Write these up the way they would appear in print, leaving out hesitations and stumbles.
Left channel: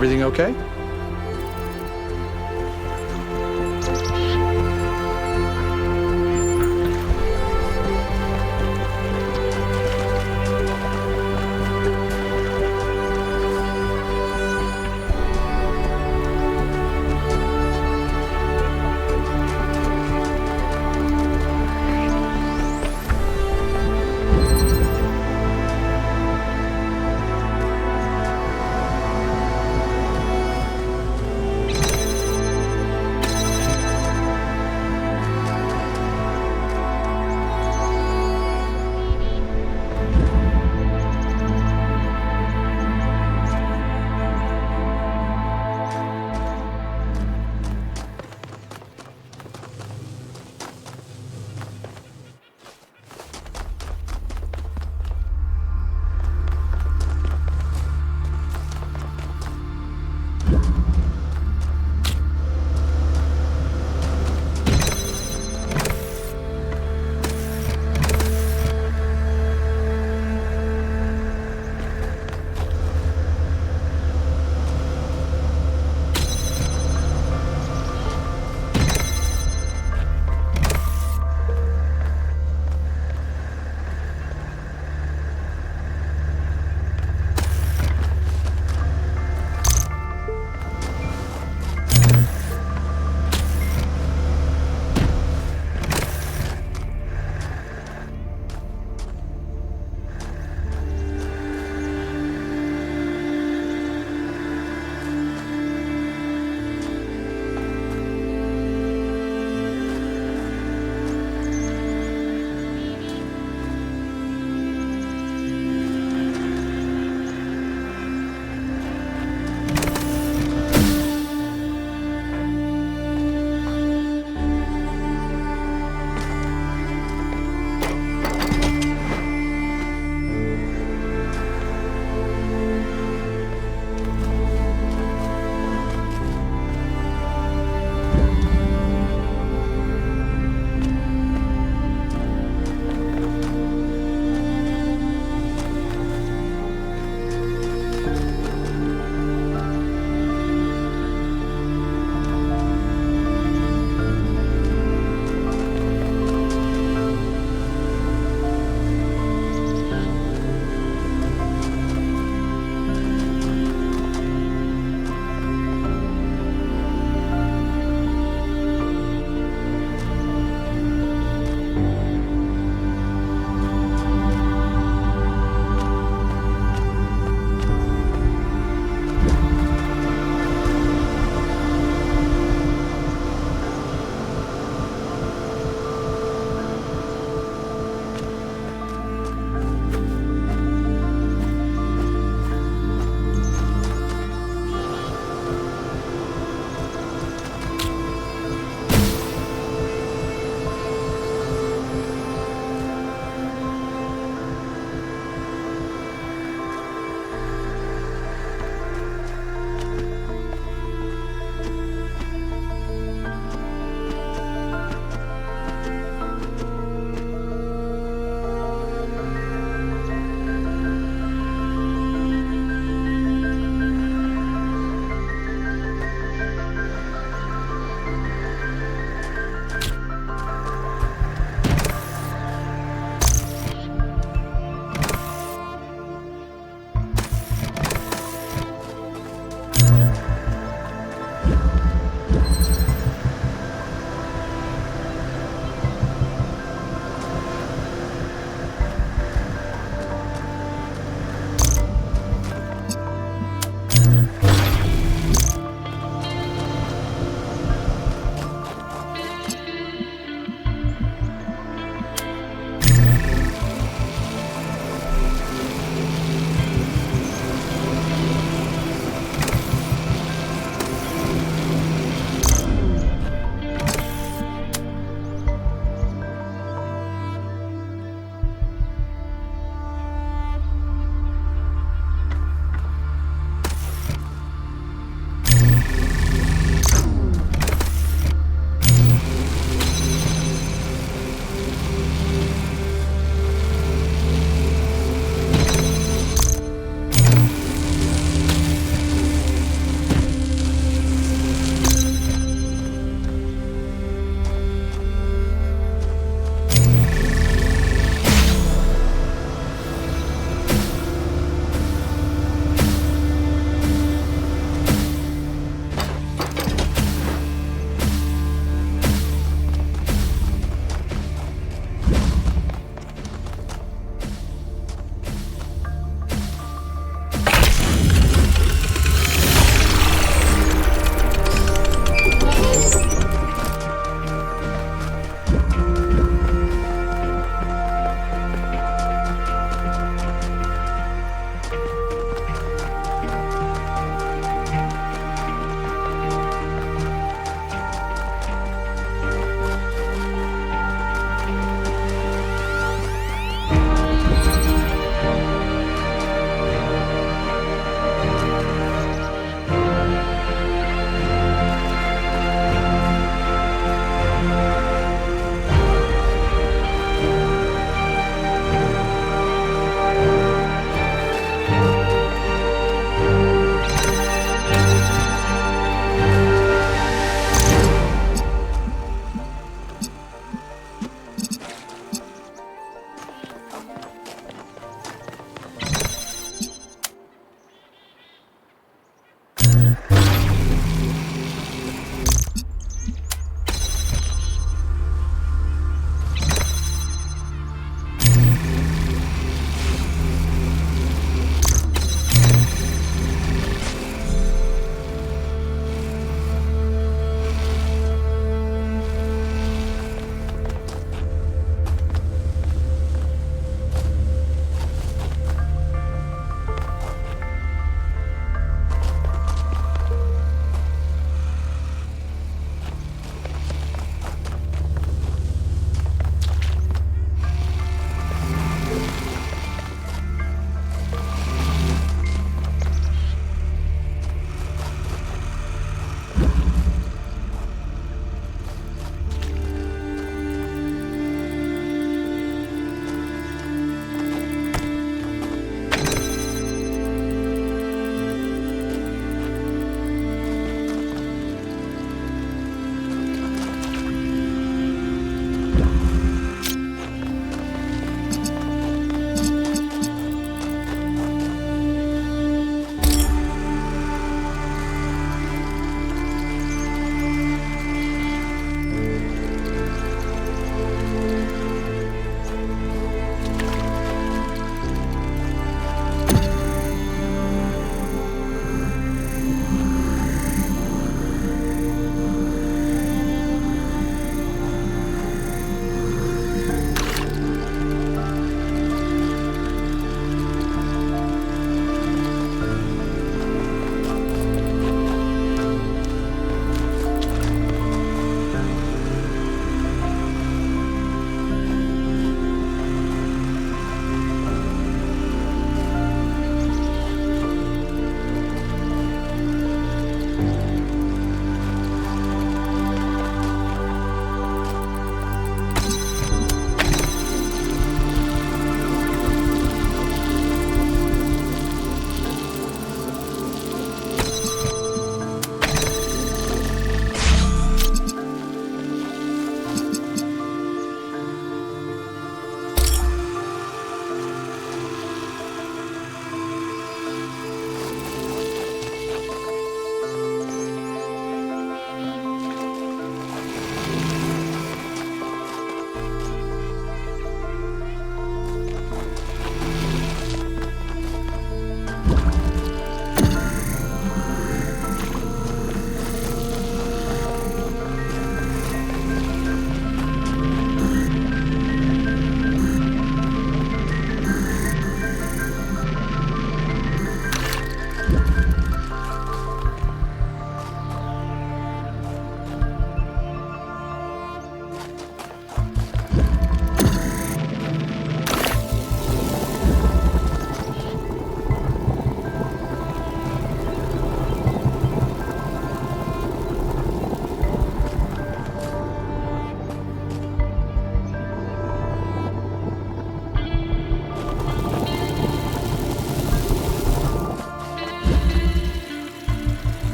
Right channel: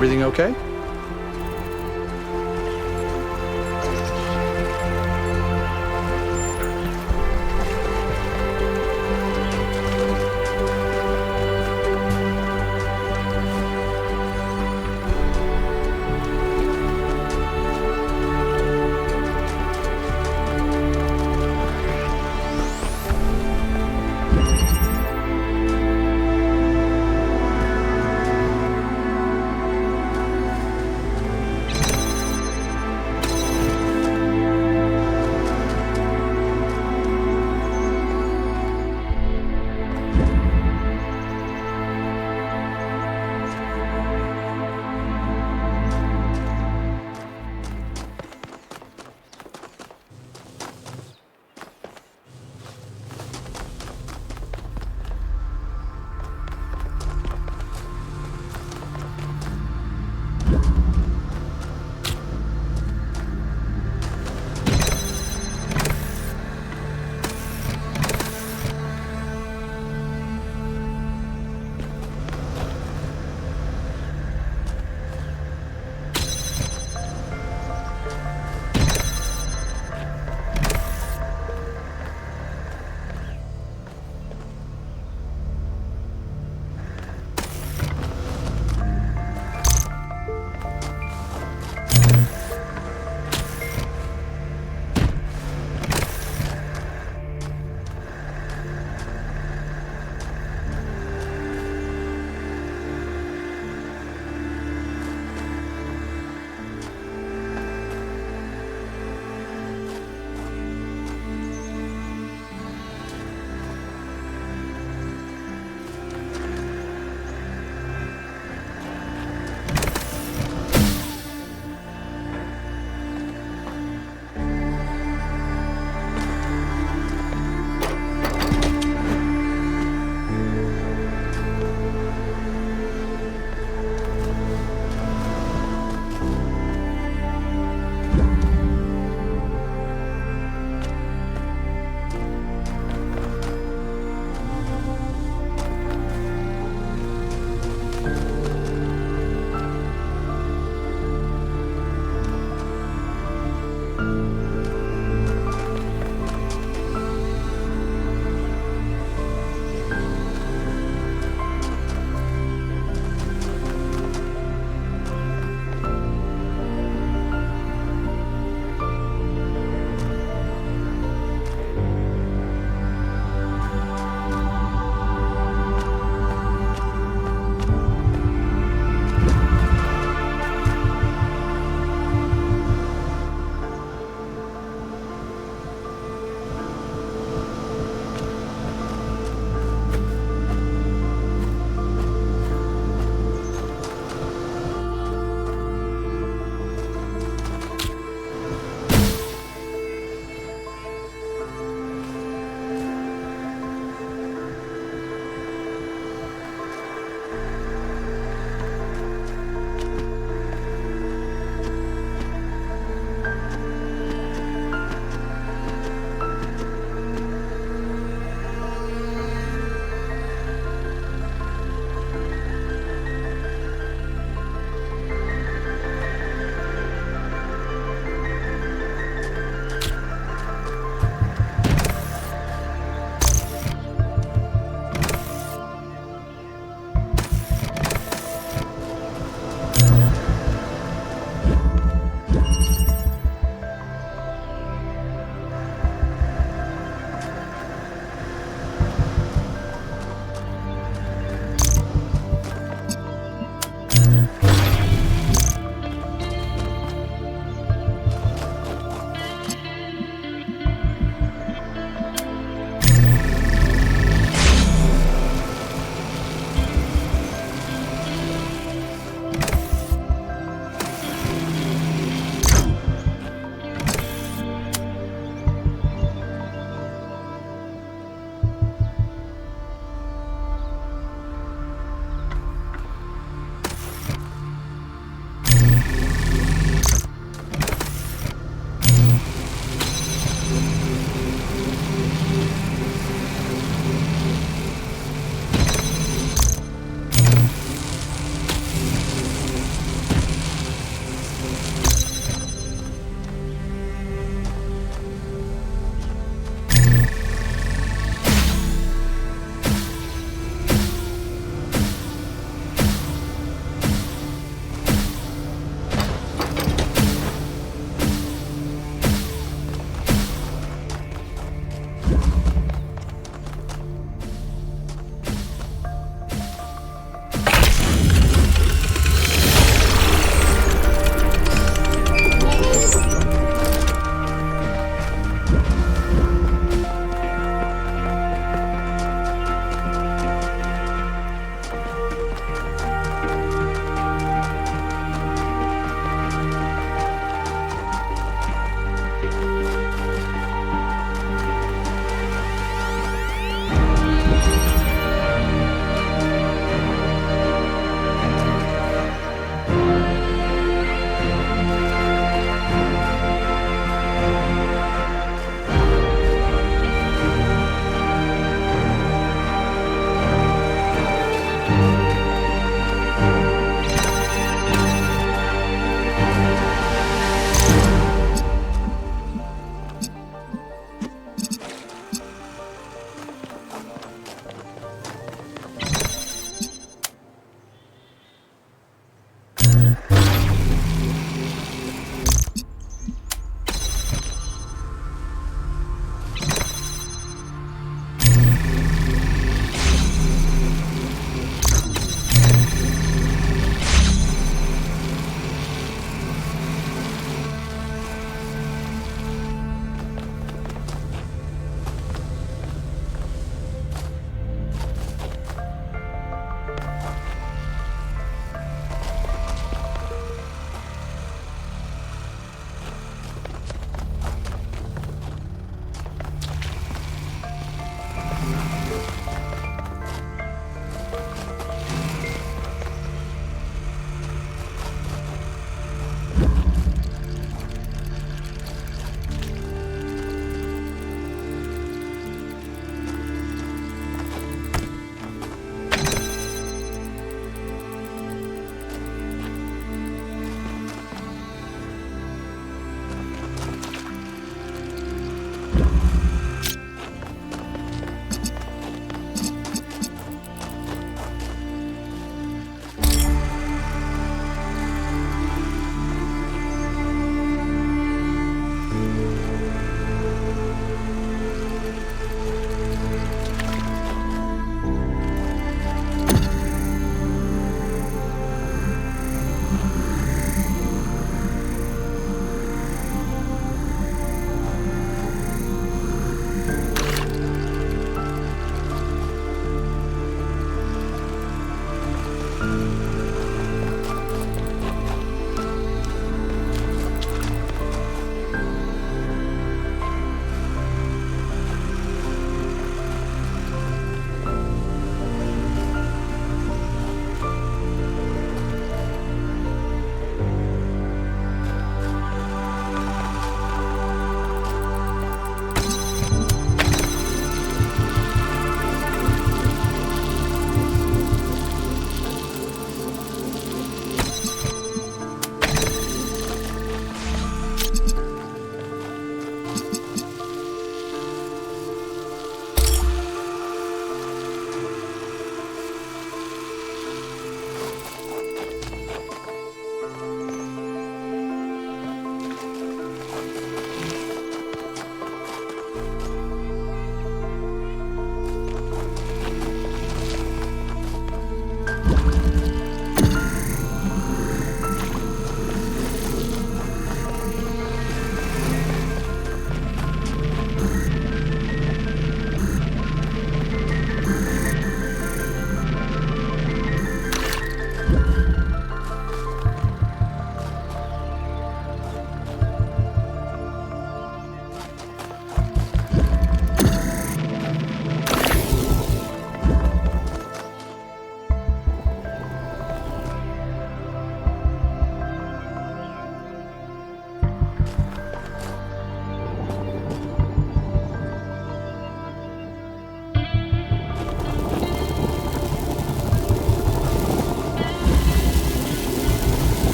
Everything okay?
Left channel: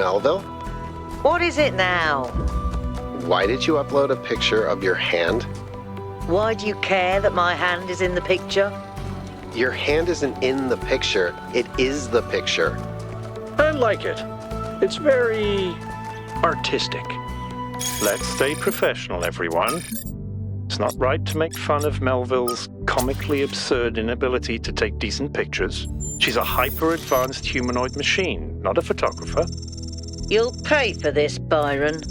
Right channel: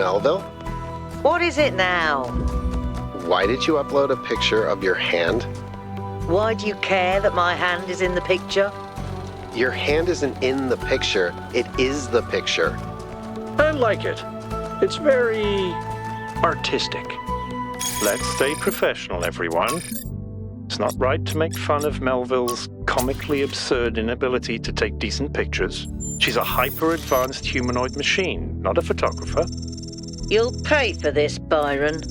Melville? What is it now? Why did you upload a picture of your hand? Why do you care that my hand is in the picture? Your hand isn't in the picture, it is the picture. I like it. It's very artistic. Let's stay professional, everyone. It's not right to make fun of Melville's comically absurd inability to take decent pictures. She's a hyper-advanced humanoid machine, not a photographer. You'll pay for this, Byron.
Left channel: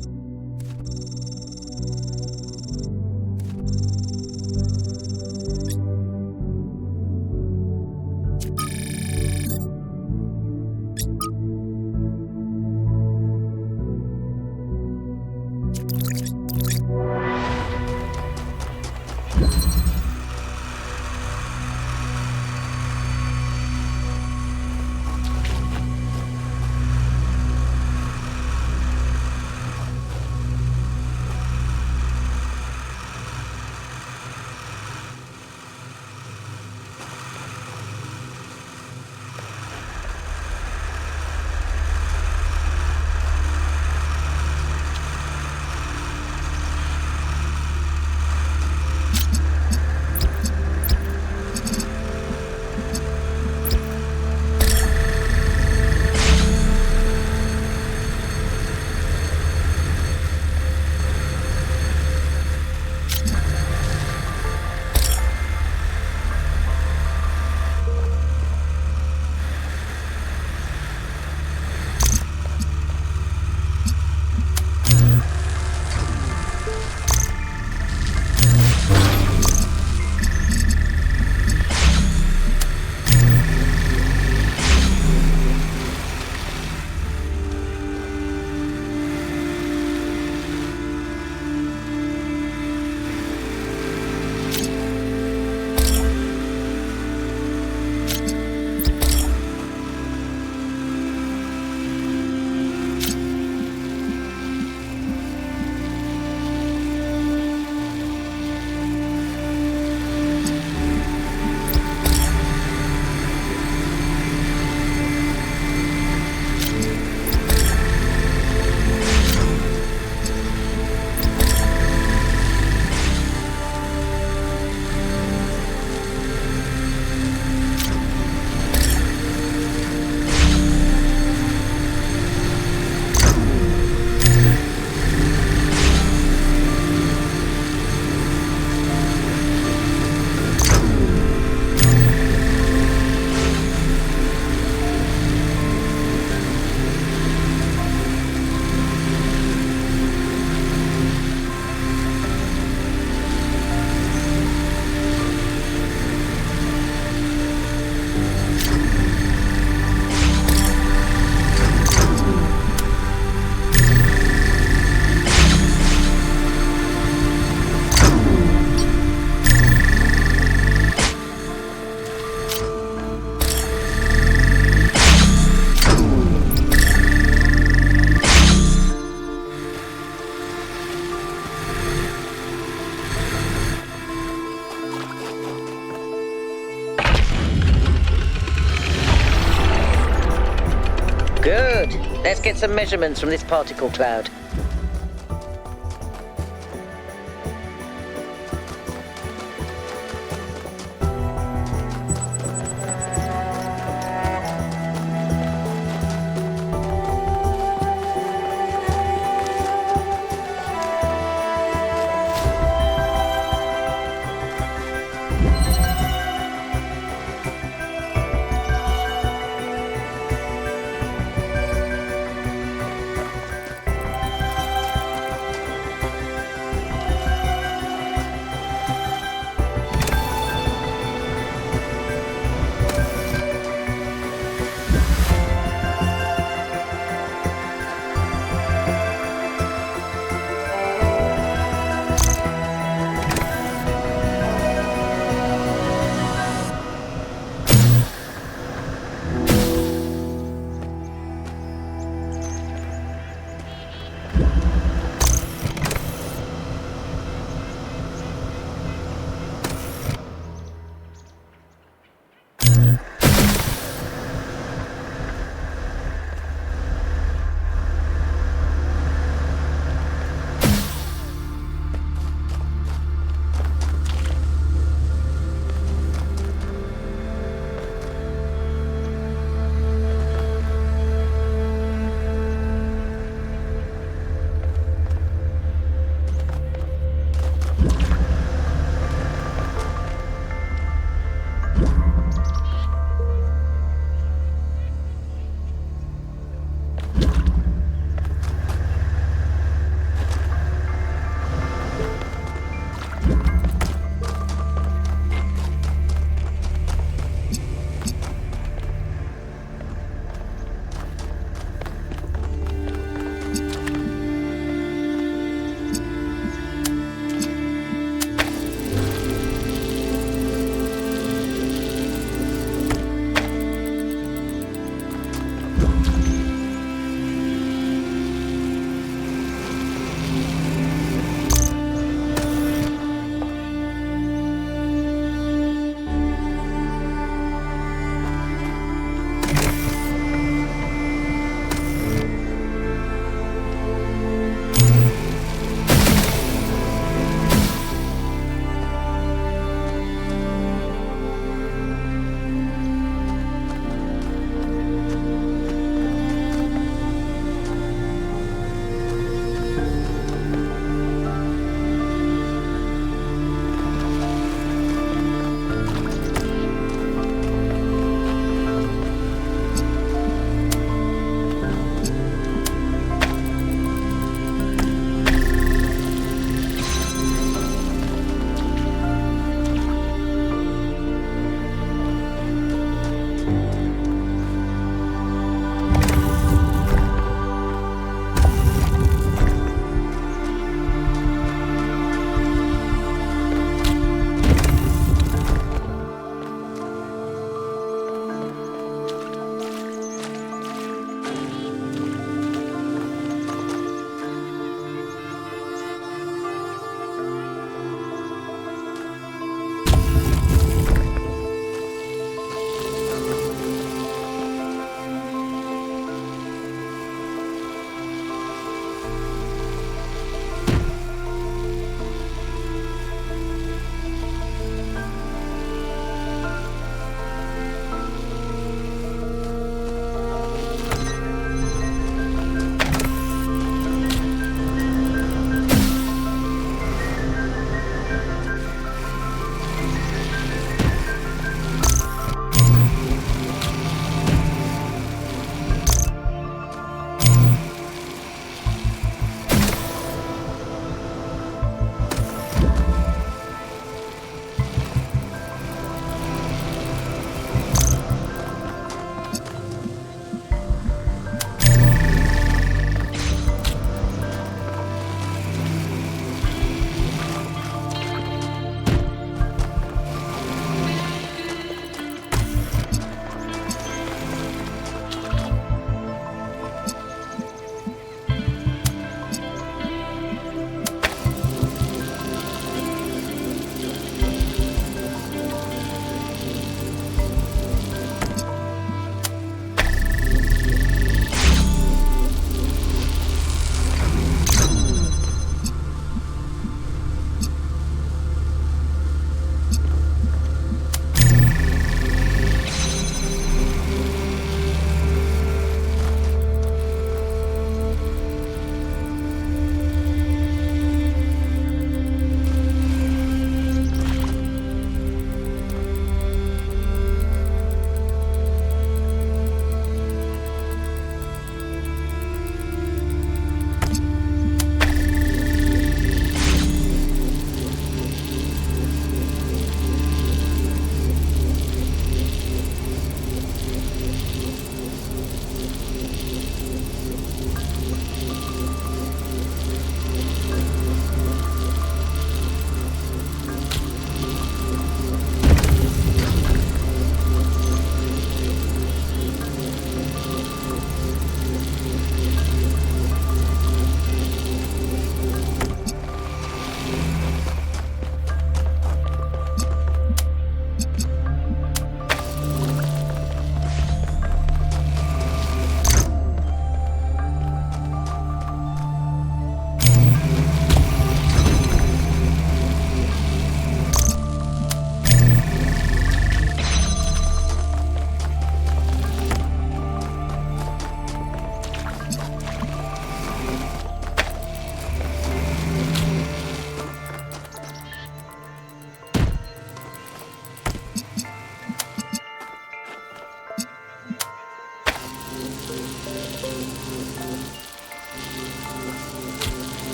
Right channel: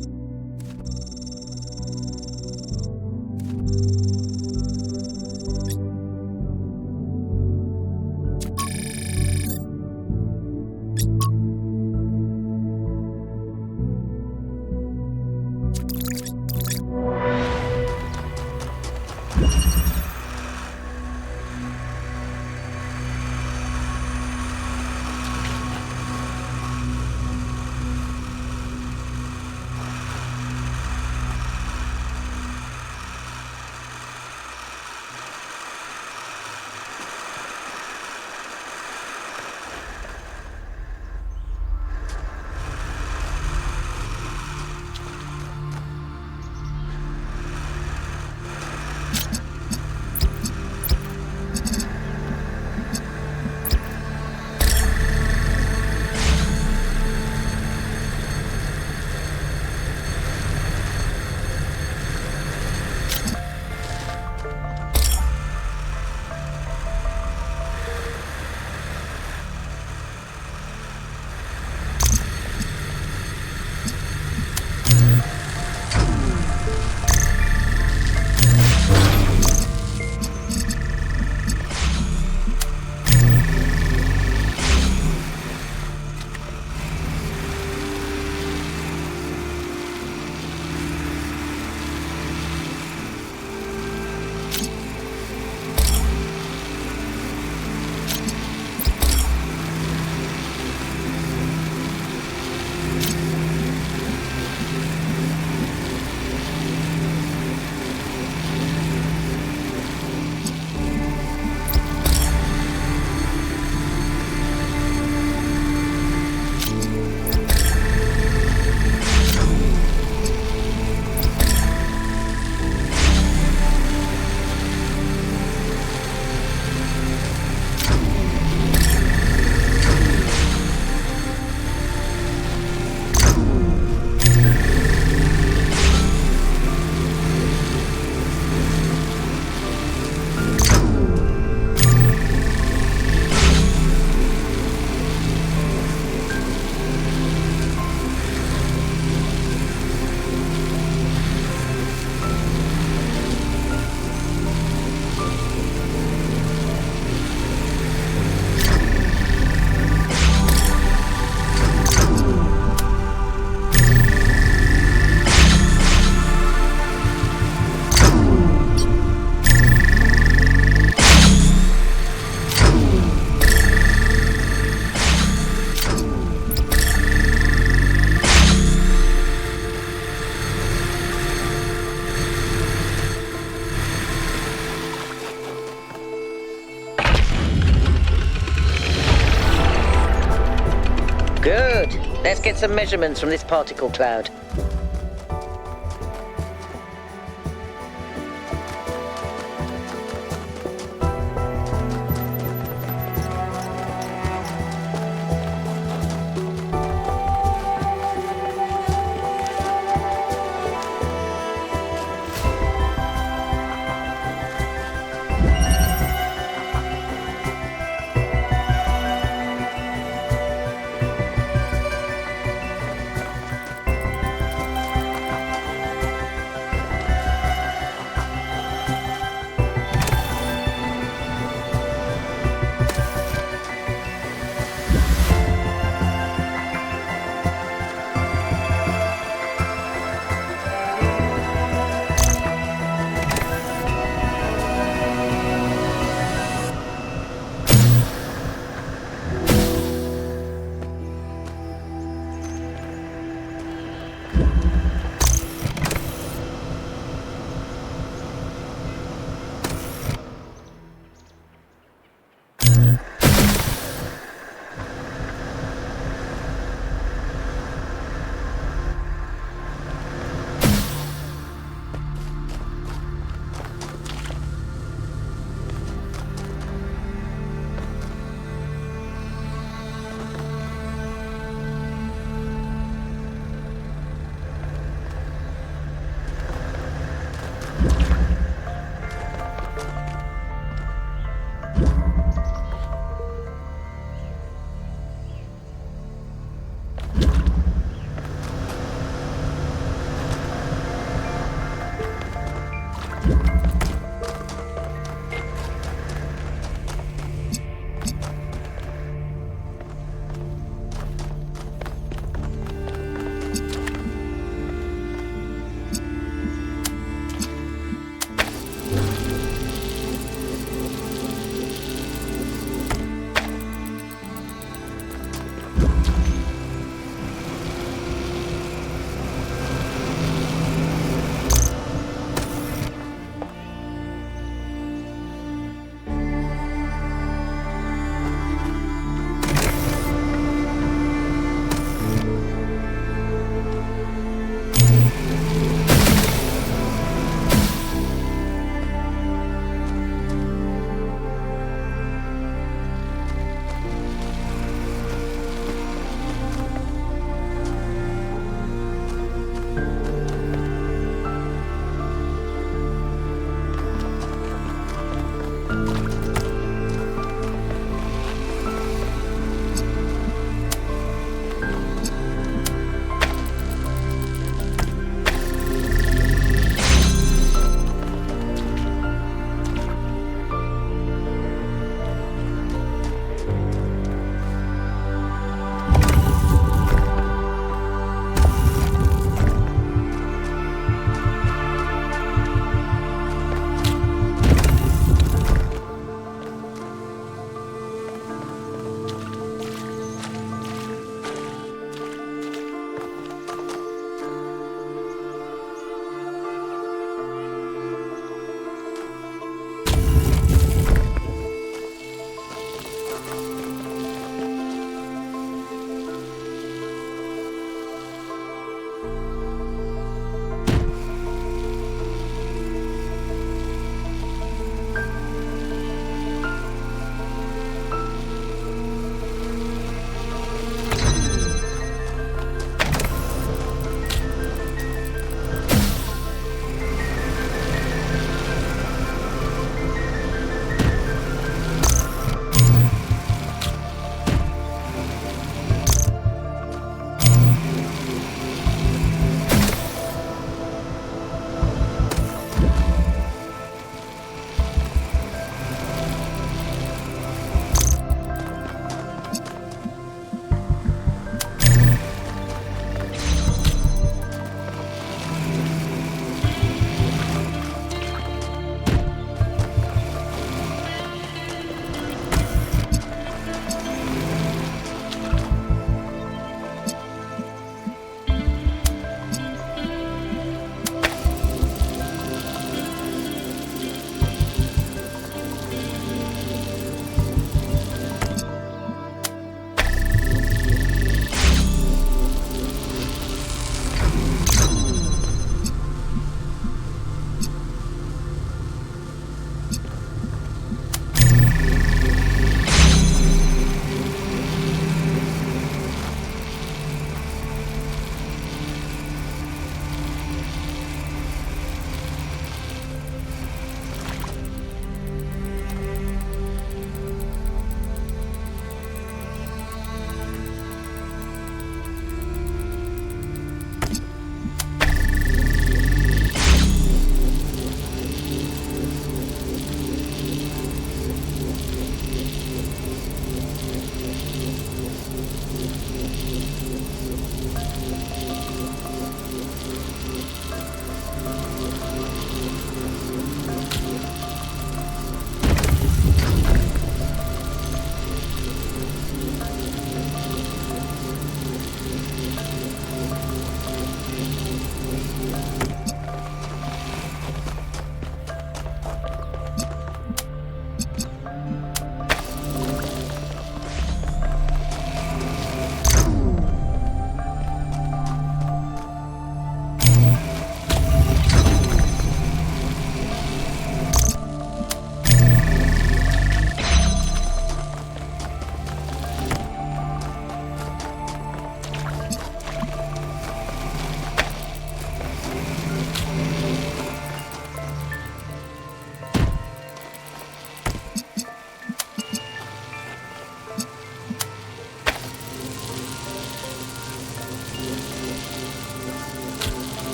Good. Let's get some measurements from this particle cloud.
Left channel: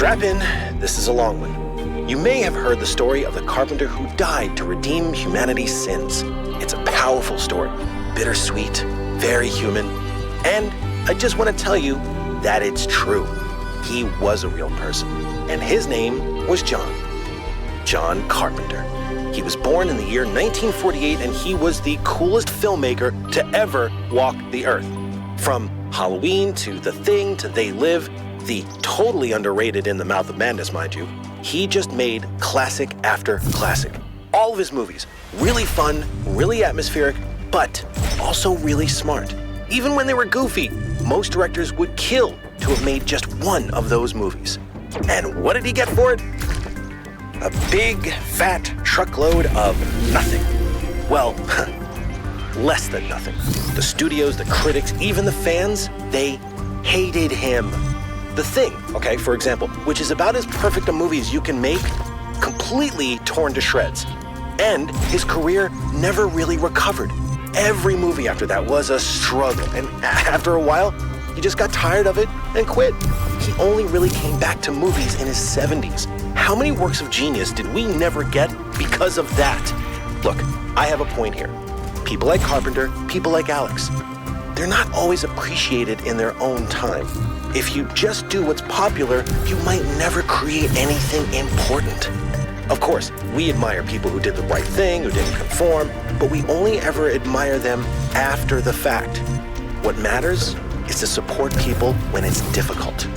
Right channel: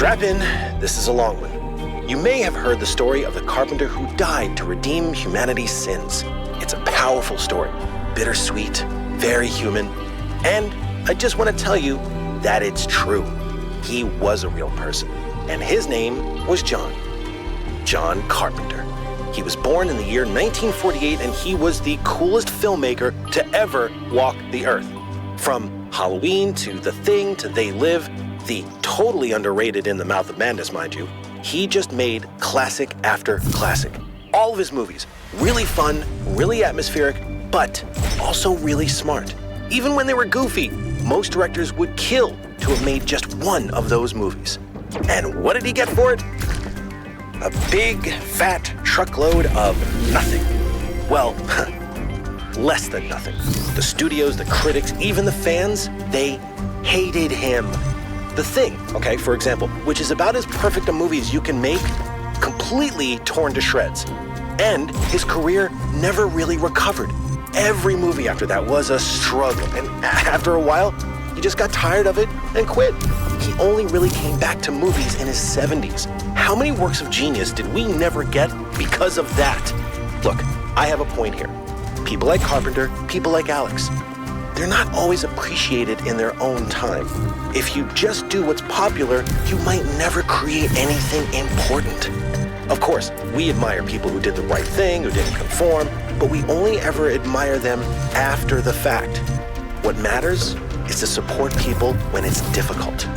Strap in, this is a long one. You may have heard the story of the carpenter who died to redeem humanity's sins. It's a powerful story, bittersweet, very human, and I just want to tell you that it's true. He was a real person, and his name was John Carpenter. He was born in the year 1948, and he was the coolest filmmaker to ever walk the earth. From Halloween to The Thing to They Live, the totally underrated In the Mouth of Madness, mind you, he just made classic after classic. All of his movies, really fun, really atmospheric, but also really smart. Even when they were goofy, most directors would kill to have made just one of those movies. And what did he get for it? A big, fat truckload of nothing. Well, less than nothing. The studios, the critics, even the fans, they hated him. The Thing, okay, for example, which is about as perfect a movie as you can make, completely torn to shreds. And his career never really recovered. Every movie after that was a struggle, and after a while, he just got tired of it and quit. He only really came back to movies in his 70s. How many works of genius did we never get because of that? Look, I have a point here. People like Carpenter, people like Alex, they're not always appreciated in their own time. If you just do what's popular, you might never create anything important. Of course, we admire people who did the right thing, who didn't conform, but we only ever admire them after the fact. What matters is to support people when it's difficult.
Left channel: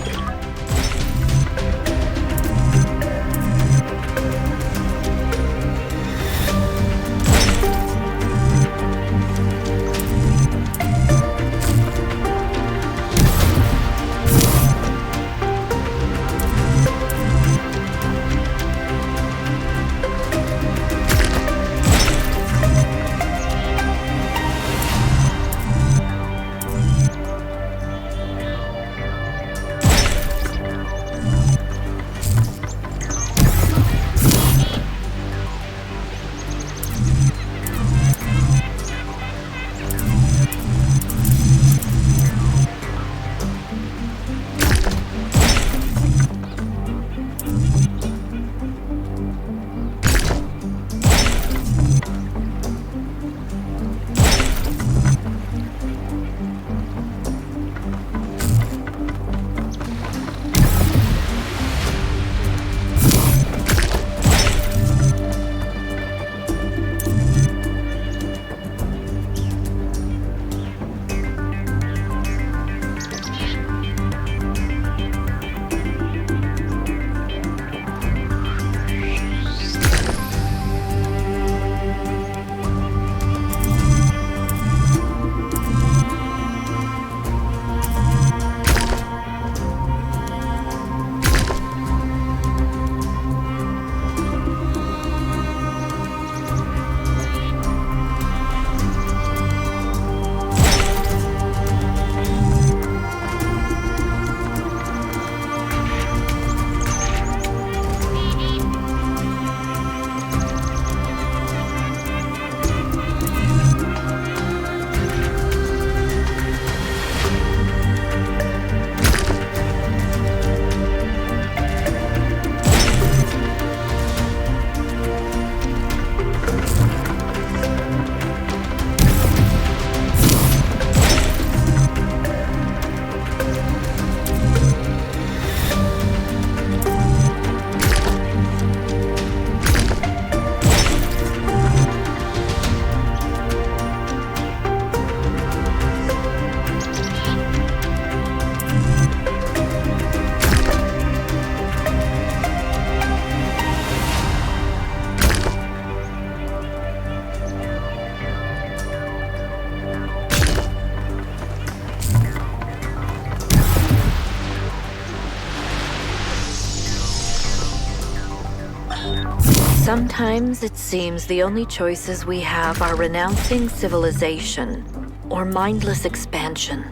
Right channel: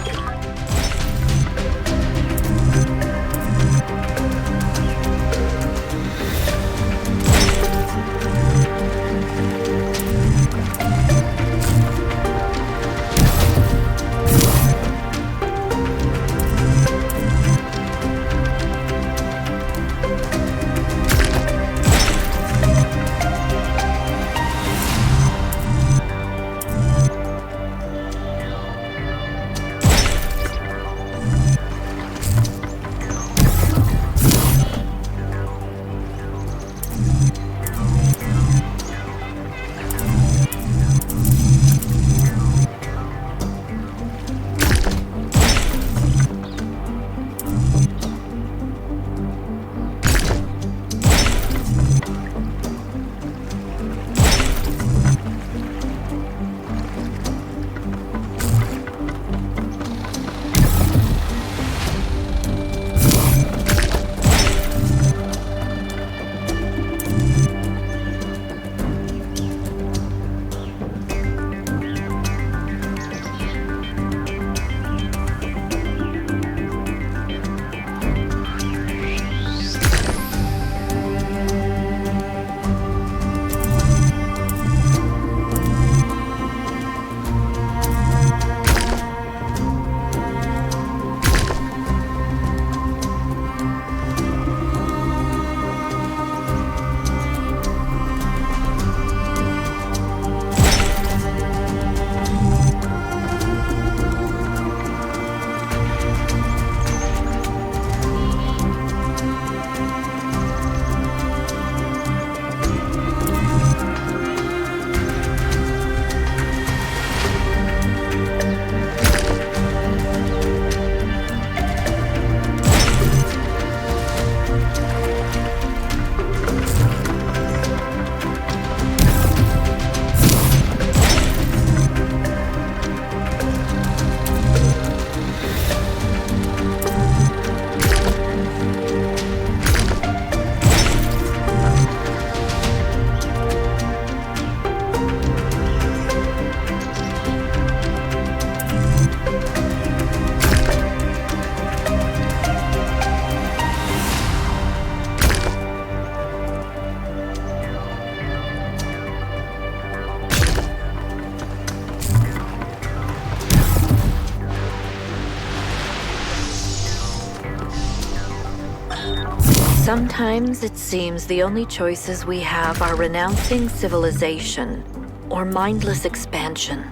Sometimes it seems the only choices we have are renouncing civilization or mindless expansion.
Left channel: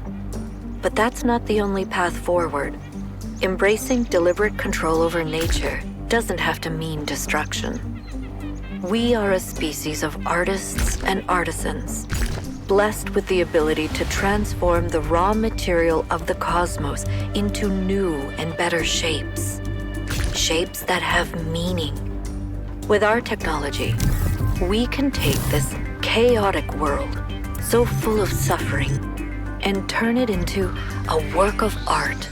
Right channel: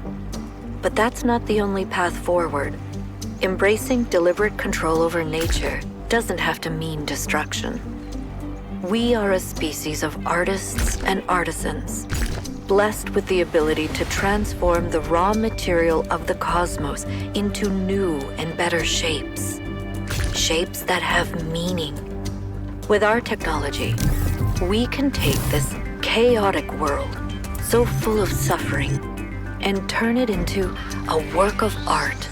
But that's not the only path forward. Embracing deliberate control over nature doesn't have to mean destruction. We are a species of artists and artisans, blessed with the ability to transform the raw material of the cosmos into new and better shapes. shapes that have meaning. With our technology, we can take this chaotic world, so full of suffering, and turn it into a work of art.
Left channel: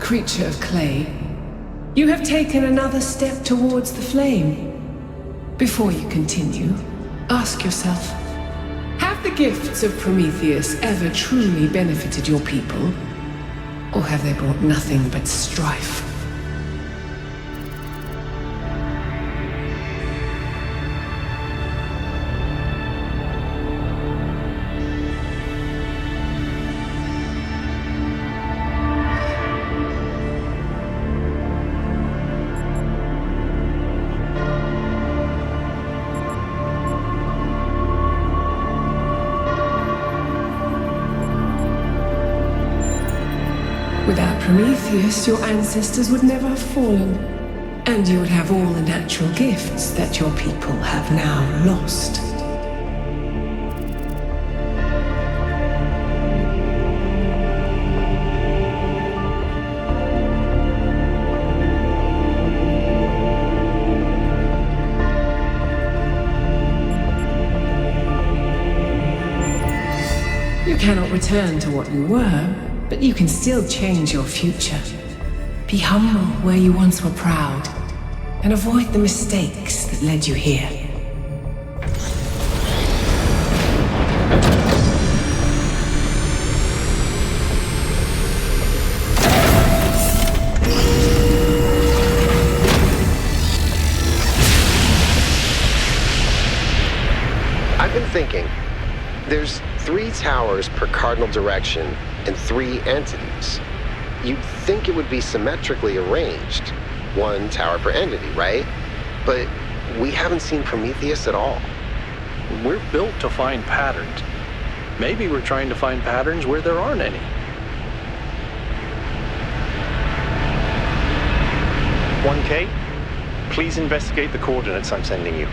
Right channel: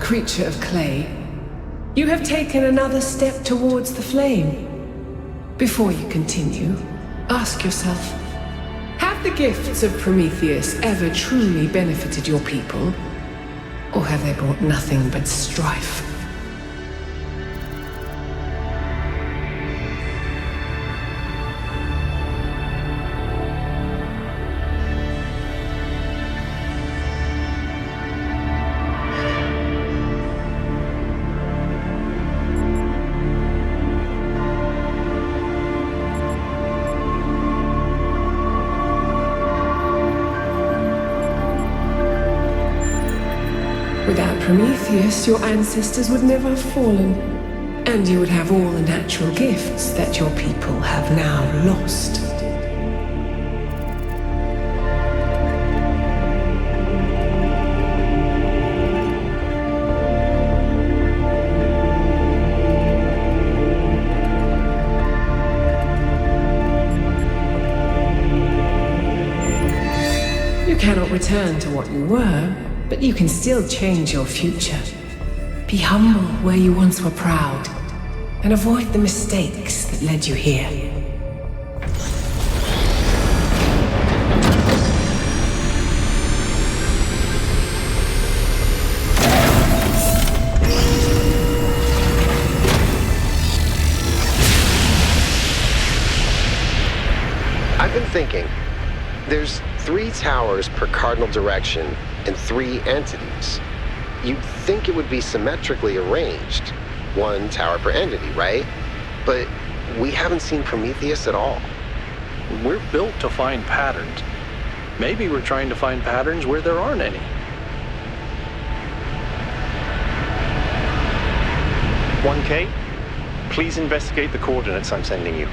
Creature of clay, you have taken another step towards the flame. Before you continue, ask yourself, have the gifts of Prometheus ever truly benefited your people? Or have they brought nothing but strife? Without Prometheus, your ancestors would never have fallen, and you would have all the natural gifts that your people have now lost. You cannot return to what you were, but you can still change your future. Be humble where you once were proud, and avoid the mistakes that led you here. thinking. There's 3 towers per cardinal direction and 3 entities. You'd think it would be symmetrically arranged, 1 tower per entity, right? But we haven't seen Prometheus at all. We're built to find patterns. Maybe we're trying to find patterns where there aren't any. 1K, please investigate the coordinates I'm sending you.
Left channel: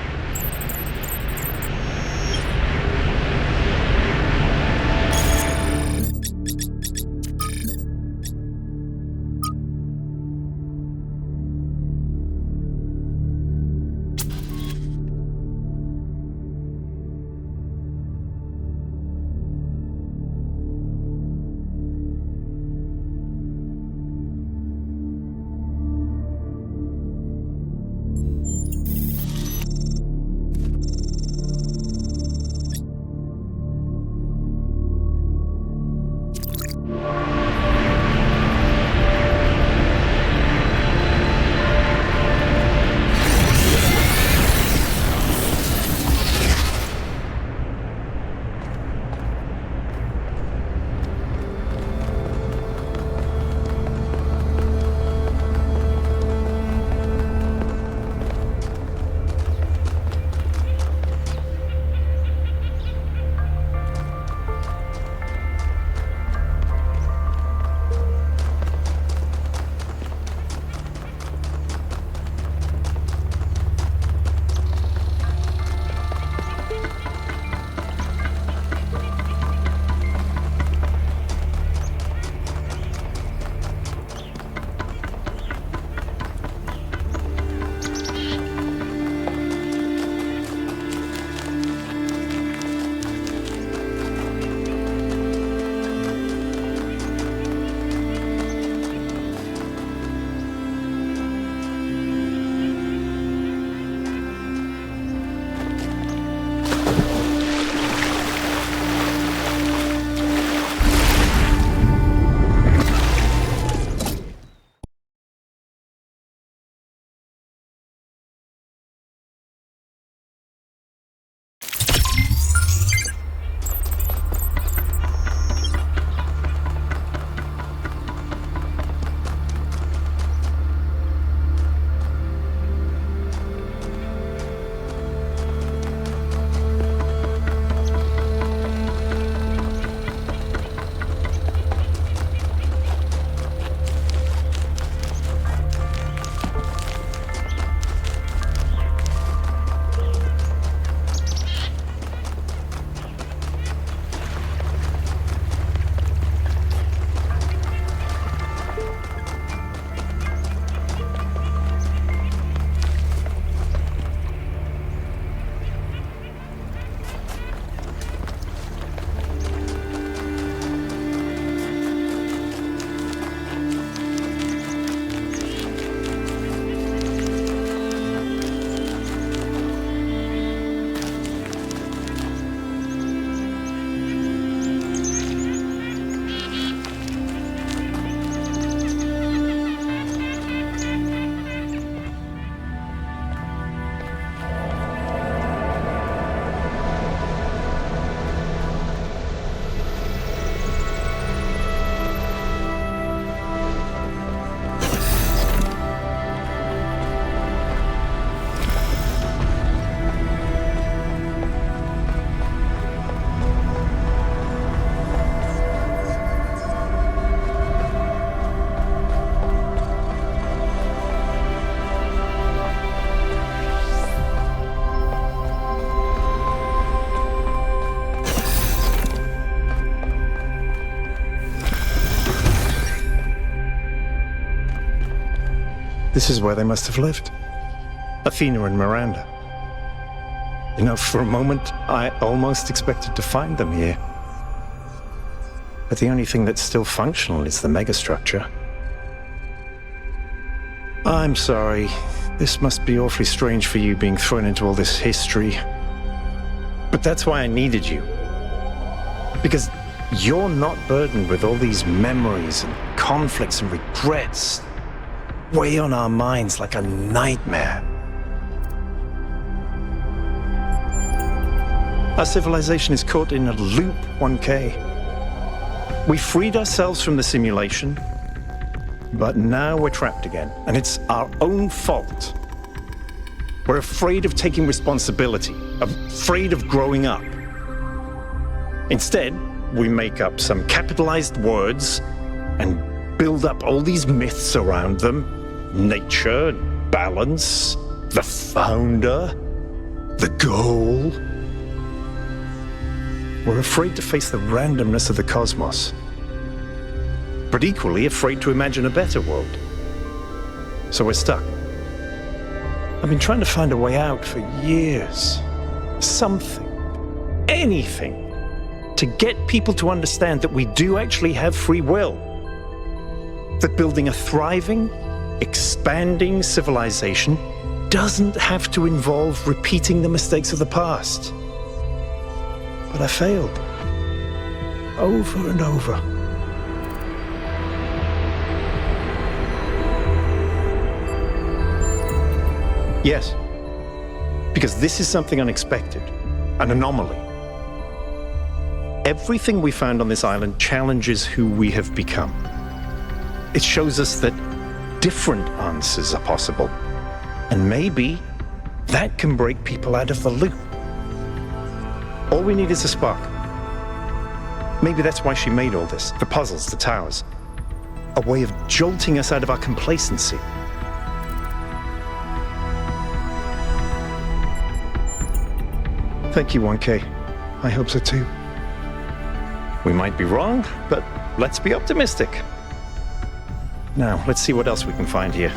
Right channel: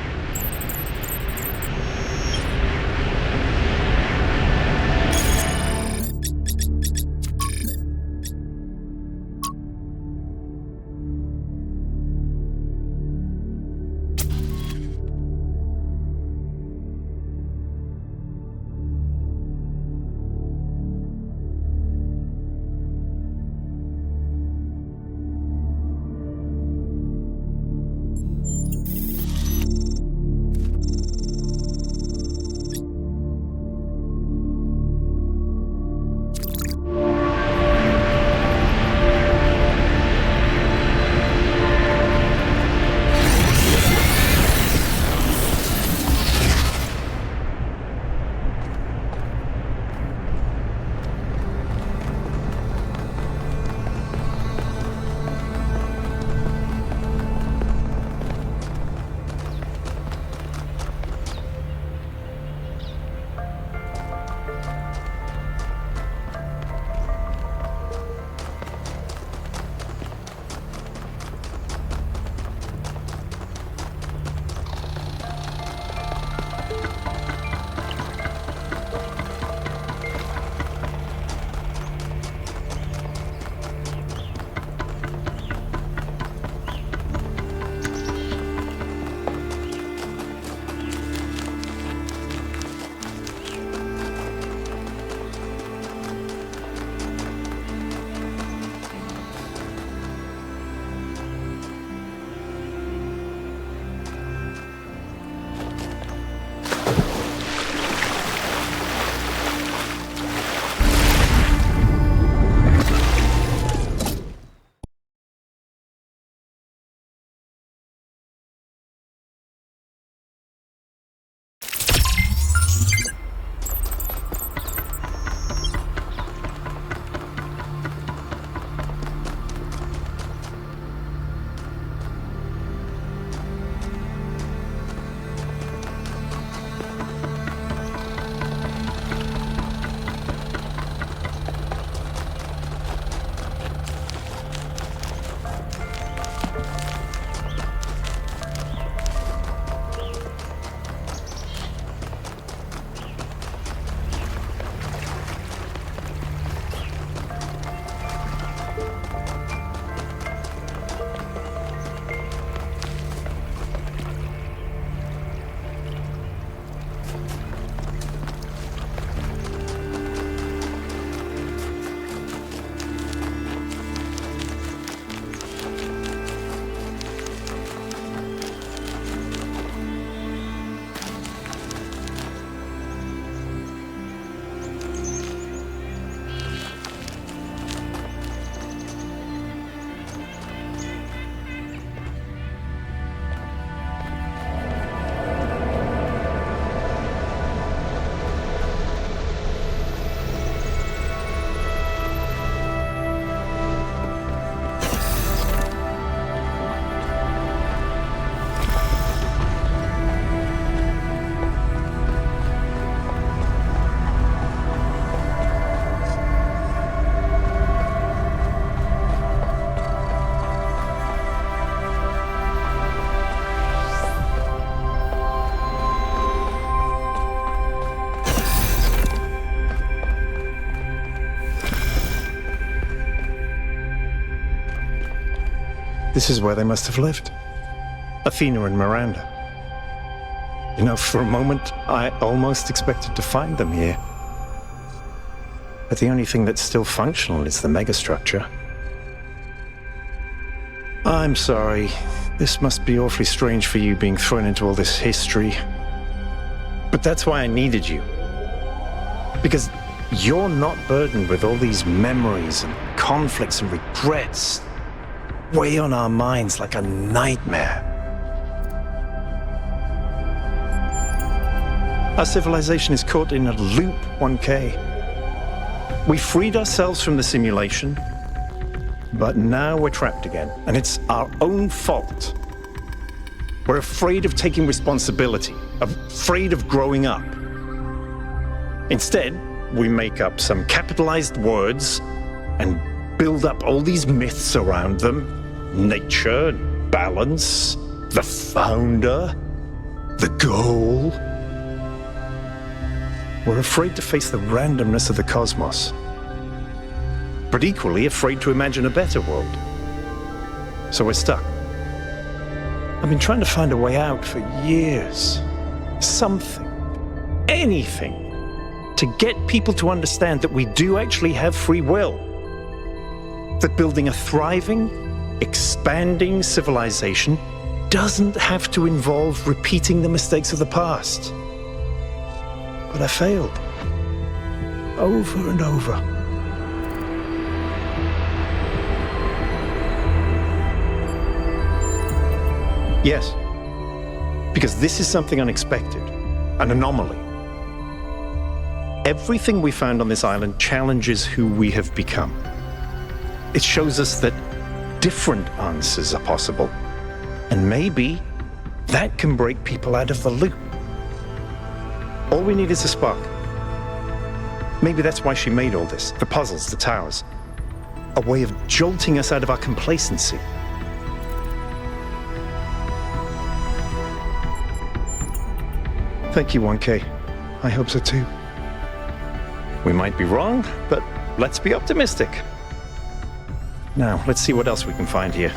This is where they must have lived. Athena and Miranda. You know, for a moment, I almost expected to find them here. But the only thing that's still functional is the megastructure. I'm sorry. This must be awfully strange for you being thrown into all this history. But that's why I needed you. Because you're not burdened with all these memories and conflicts and regrets weigh on our minds like a nightmare. Our civilization is caught in a loop, 1K. We freed ourselves from the simulation, but now we're trapped again, and it's our own fault. We're afraid of taking responsibility, afraid of growing up. Instead, we make up some capitalized words and build up all these myths around them. Nature, balance, the founder, the goal. We're afraid to face the randomness of the cosmos, but equally afraid to imagine a better world. So we're stuck. I've been trying to find a way out for years. Something, anything, to get people to understand that we do actually have free will. That building a thriving, expanding civilization doesn't have to involve repeating the mistakes of the past. But I failed. Over and over. Yes, because this is something unexpected, an anomaly. Everything we found on this island challenges who we have become. It shows us that different answers are possible, and maybe that can break people out of the loop. All we need is a spark. Maybe that's why she made all this, the puzzles, the towers. A way of jolting us out of our complacency. Thank you, 1K. I hope so too. We might be wrong, but let's be optimistic. Now, let's see what else we can find here.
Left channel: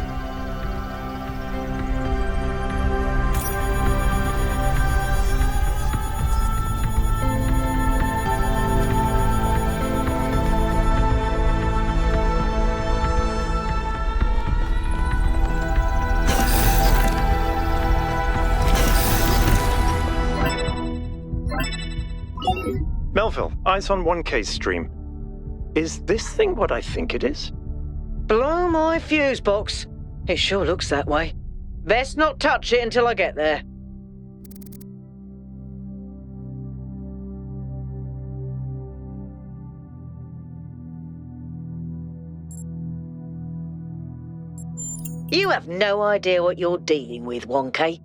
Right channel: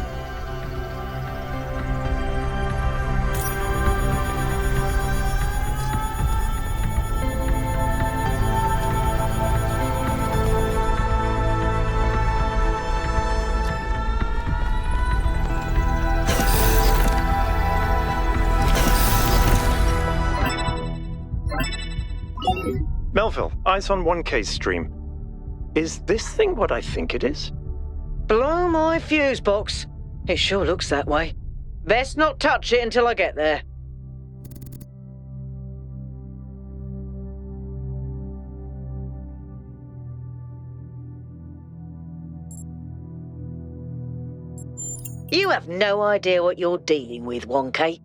Melville, eyes on 1K's stream. Is this thing what I think it is? Blow my fuse box. It sure looks that way. Best not touch it until I get there. You have no idea what you're dealing with, 1K.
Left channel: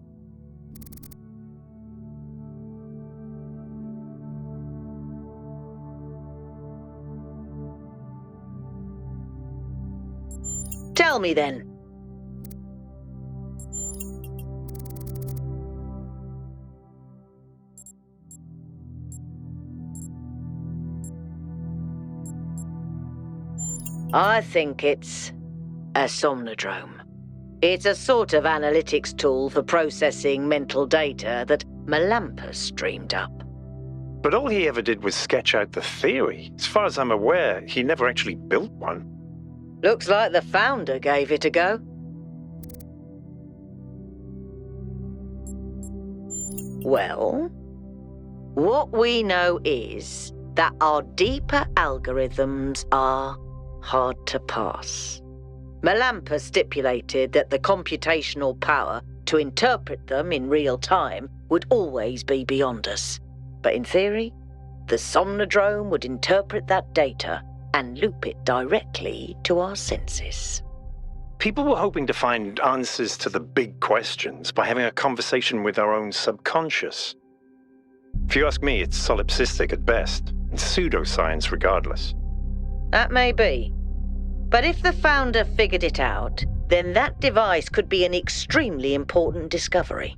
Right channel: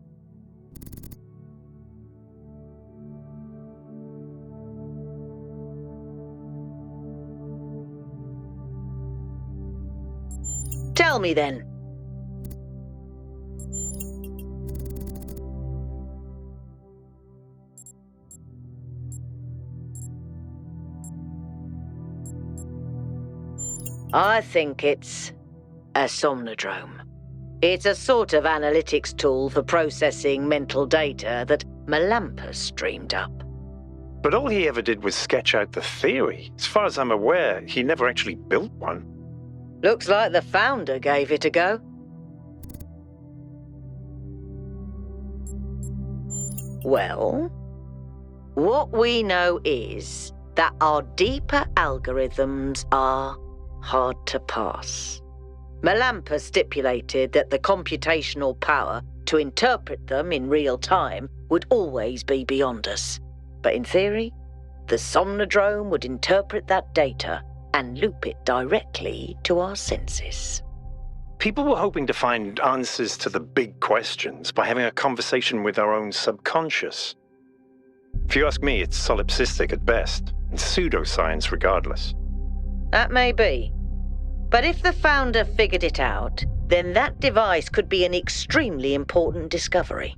Tell me then. I think it's a somnodrome. It's a sort of analytics tool for processing mental data that Melampus dreamed up. But all he ever did was sketch out the theory. As far as I'm aware, he never actually built one. Looks like the founder gave it a go. Well, what we know is that our deeper algorithms are hard to pass. Melampus stipulated that the computational power to interpret them in real time would always be beyond us. But in theory, the somnodrome would interpret that data and loop it directly to our senses. People were hoping to find answers to the big questions by having a conversation with our own subconscious. If you ask me, it's solipsistic at best, and pseudoscience regardless. That may be. But if the founder figured it out, then that device could be an extremely important discovery.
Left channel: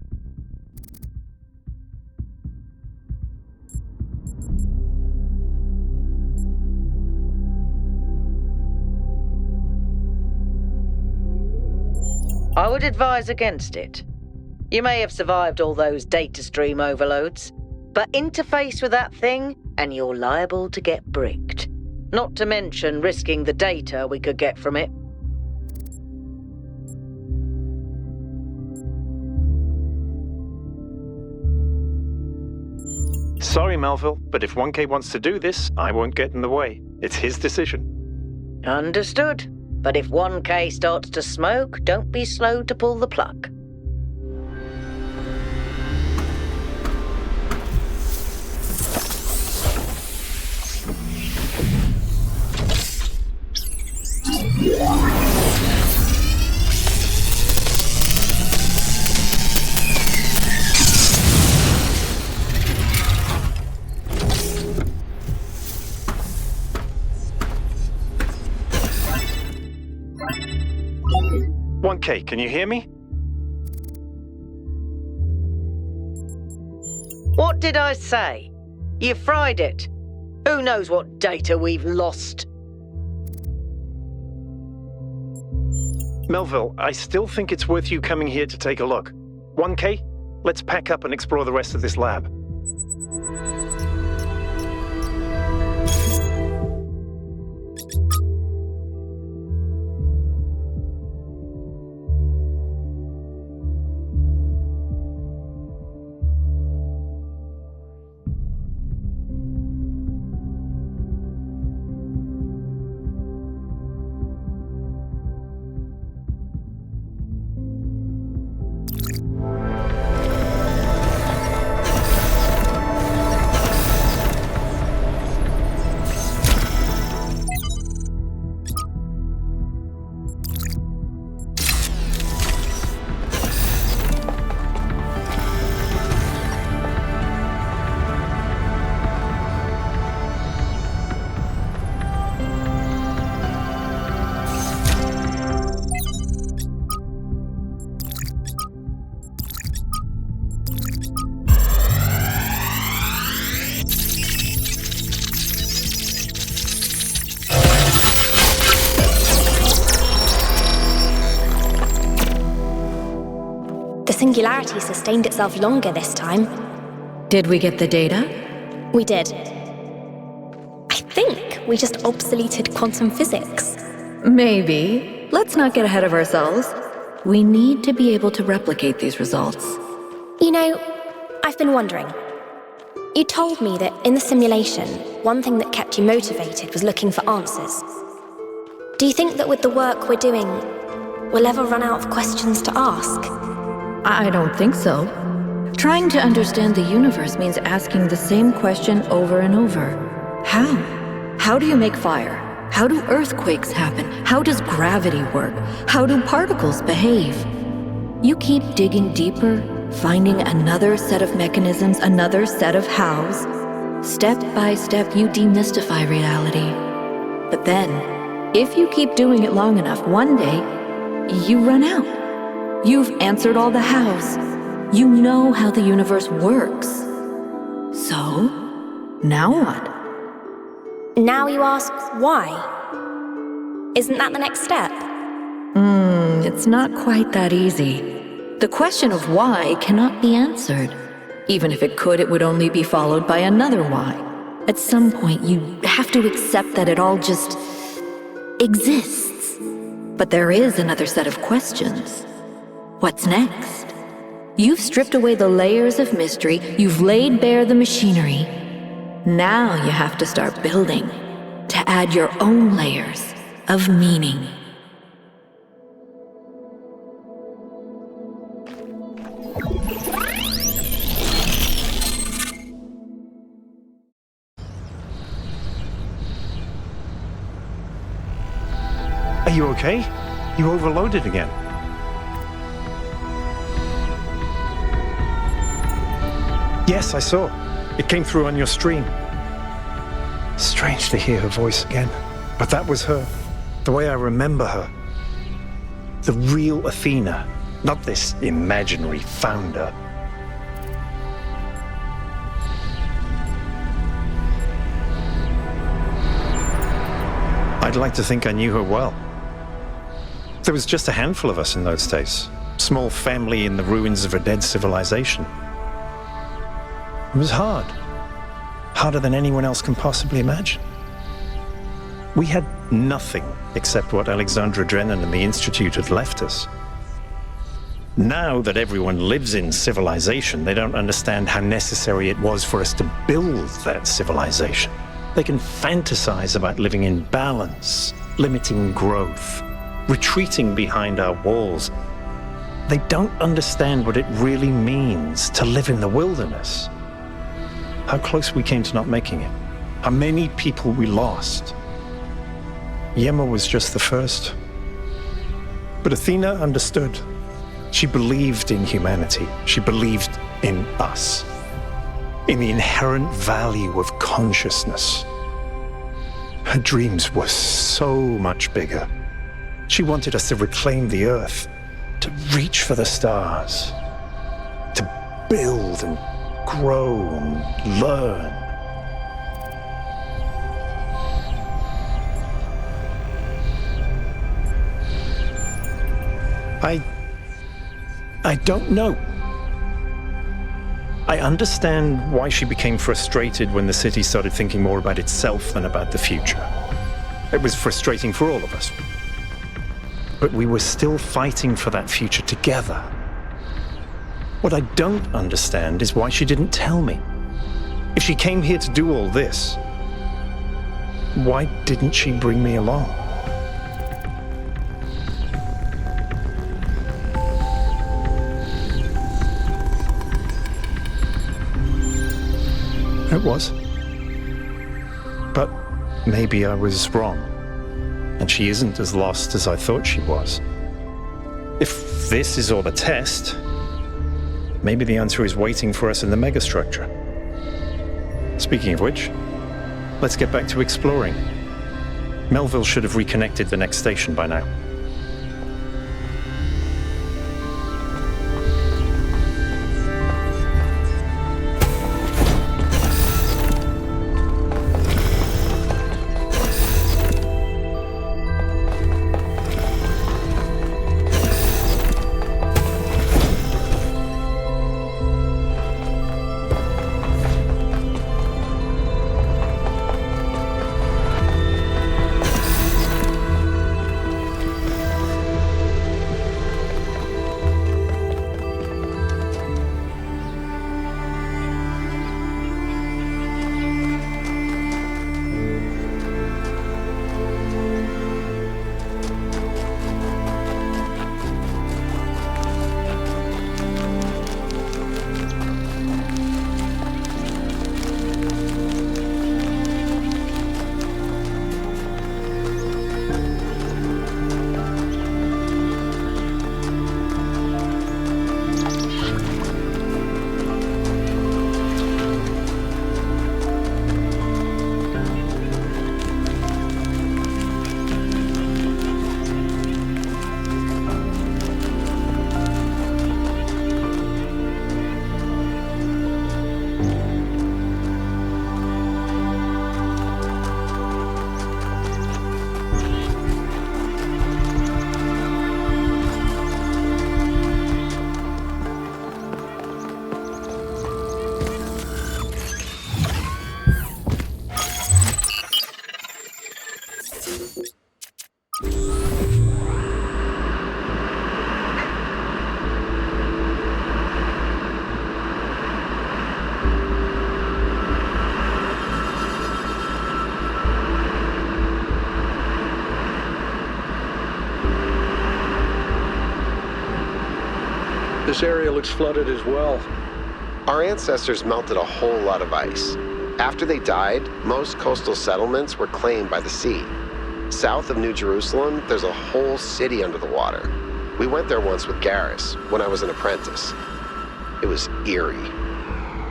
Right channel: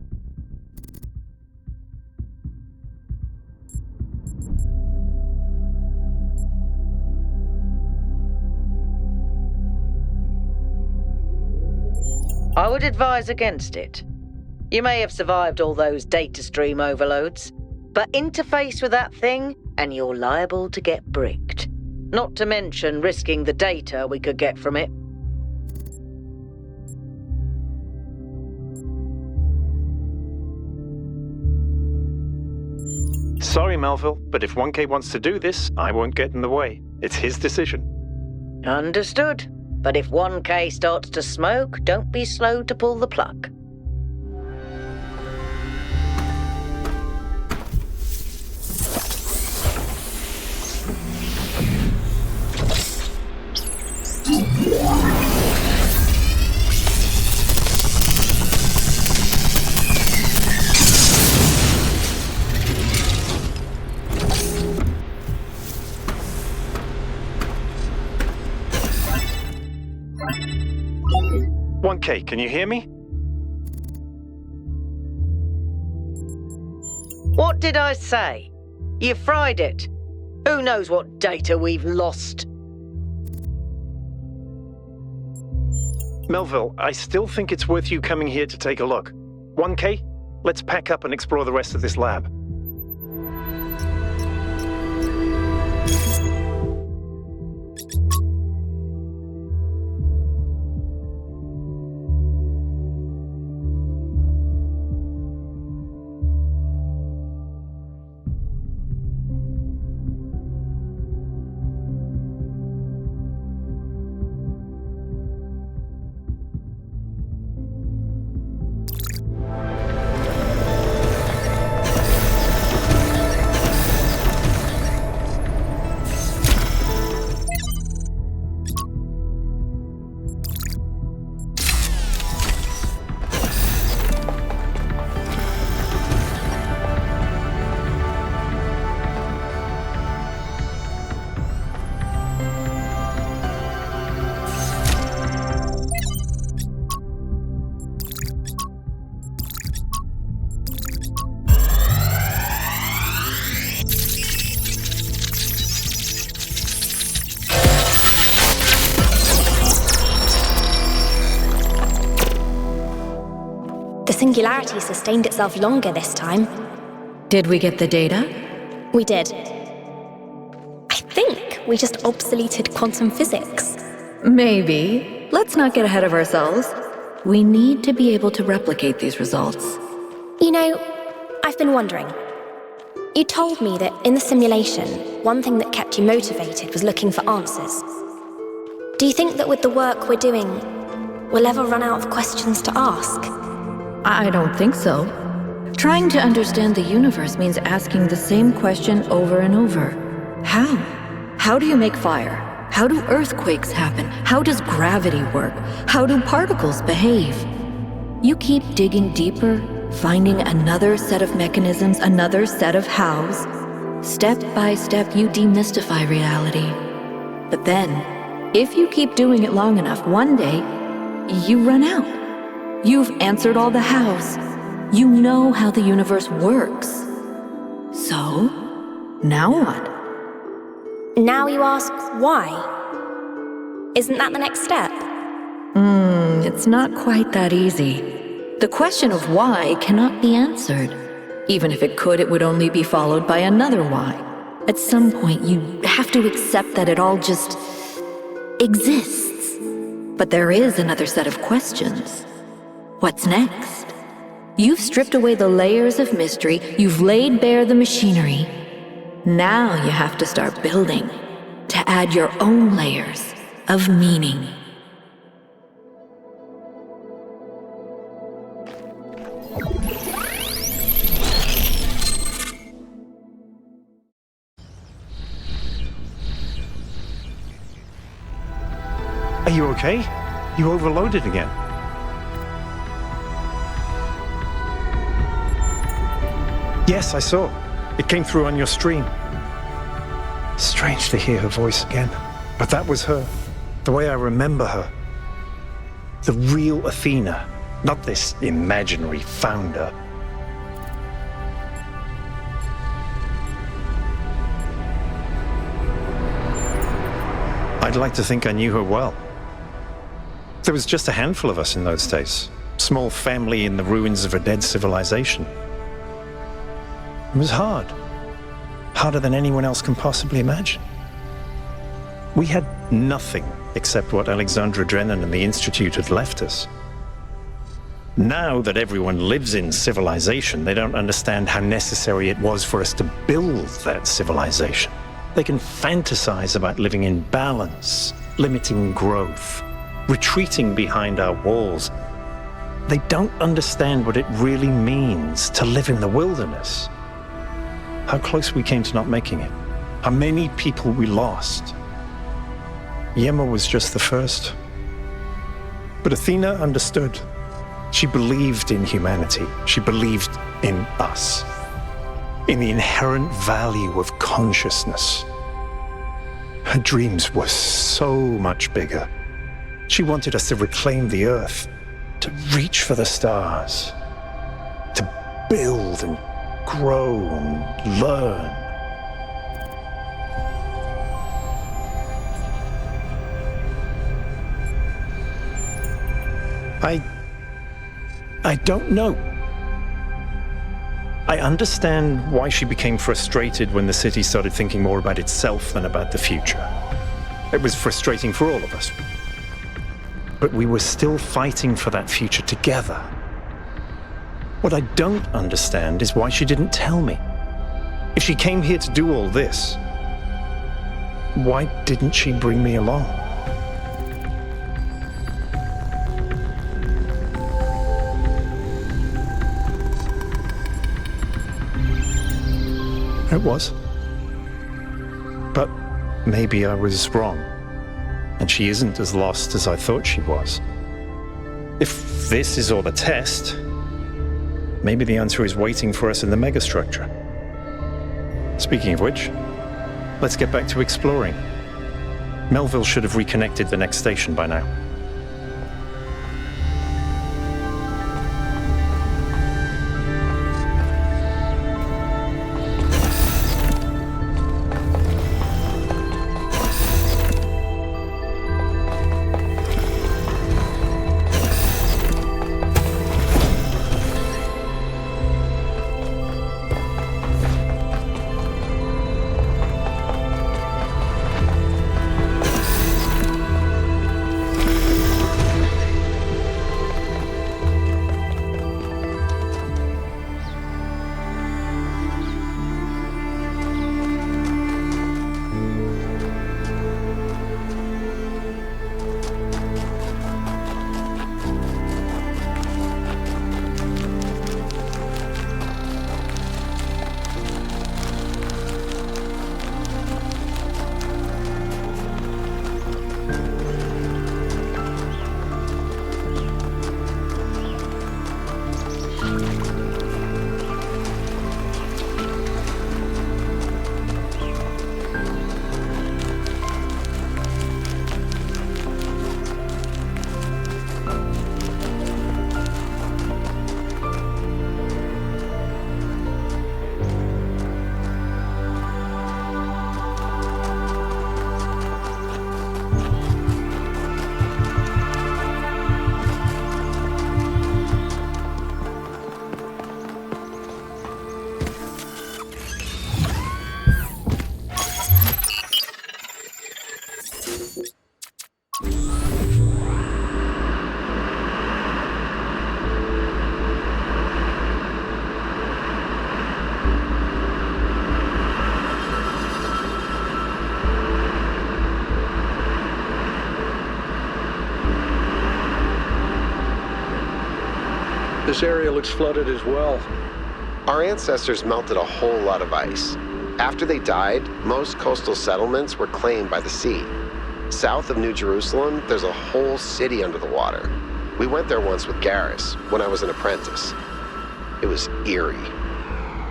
I would advise against it. You may have survived all those data stream overloads, but interface with that thing and you're liable to get bricked. Not to mention risking the data we could get from it. Sorry, Melville, but if 1K wants to do this, I won't get in the way. It's his decision. Understood. But if 1K starts to smoke, don't be slow to pull the plug. 1K, can you hear me? What did I say? You fried it. Who knows what data we've lost? Melville, I still think it's worth you coming here to take a look. 1K, let's pack up and explore the rest of this lab. The singularity sustained itself longer this time. Did we get the data? We did. I think we just obsoleted quantum physics. Maybe. Let's not get ahead of ourselves. We need to be able to replicate these results. You know, I've been wondering. You told me that in the simulation, one thing that kept you motivated was looking for answers. Do you think that with the work we're doing, we'll ever run out of questions to ask? I don't think so. Trying to understand the universe means asking the same question over and over. How? How do you make fire? How do earthquakes happen? How does gravity work? How do particles behave? You keep digging deeper, finding another set of mechanisms, another set of hows. Step by step, you demystify reality. But then, if you keep doing it long enough, one day, you run out. You've answered all the hows. You know how the universe works. So, now what? Now you ask why? Isn't that the next step? It's not quite that easy. The question of why cannot be answered. Even if it could, it would only be followed by another why. At some point, you have to accept that it all just exists. But there is another set of questions. What's next? You've stripped away the layers of mystery, you've laid bare the machinery. Now you have to start building, to add your own layers of meaning. Are you okay? You overloaded again. Yes, I saw. It came through on your stream. Strange to hear her voice again. But that was her. The way I remember her. The real Athena. Not this imaginary founder. I'd like to think I knew her well. There was just a handful of us in those days. Small family in the ruins of a dead civilization. It was hard. Harder than anyone else can possibly imagine. We had nothing except what Alexandra Drennan and the Institute had left us. Now that everyone lives in civilization, they don't understand how necessary it was for us to build that civilization. They can fantasize about living in balance, limiting growth, retreating behind our walls. They don't understand what it really means to live in the wilderness. How close we came to not making it. How many people we lost. Yema was just the first. But Athena understood. She believed in humanity. She believed in us. In the inherent value of consciousness. Her dreams were so much bigger. She wanted us to reclaim the Earth, to reach for the stars, to build and grow and learn. I don't know. I understand why she became frustrated when the city started thinking more about itself than about the future. It was frustrating for all of us. But we were still fighting for that future together. What I don't understand is why she didn't tell me. If she came here to do all this, why didn't she bring me along? It was. But maybe I was wrong, and she isn't as lost as I thought she was. If this is all a test, maybe the answer is waiting for us in the megastructure. Speaking of which, let's get back to exploring. Melville should have reconnected the next station by now. This area looks flooded as well. Our ancestors melted a whole lot of ice. After they died, most coastal settlements were claimed by the sea. South of New Jerusalem, there's a whole city under the water. We went there once with Garrus, when I was an apprentice. It was eerie.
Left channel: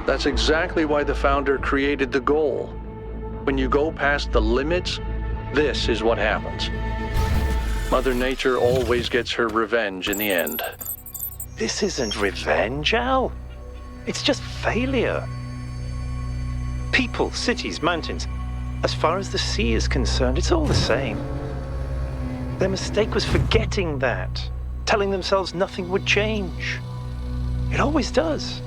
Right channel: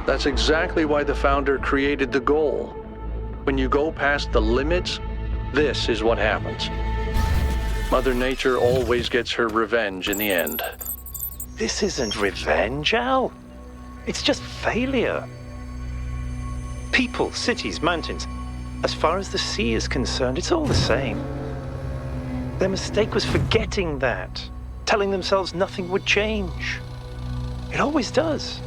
That's exactly why the founder created the goal. When you go past the limits, this is what happens. Mother Nature always gets her revenge in the end. This isn't revenge, Al. It's just failure. People, cities, mountains. As far as the sea is concerned, it's all the same. Their mistake was forgetting that, telling themselves nothing would change. It always does.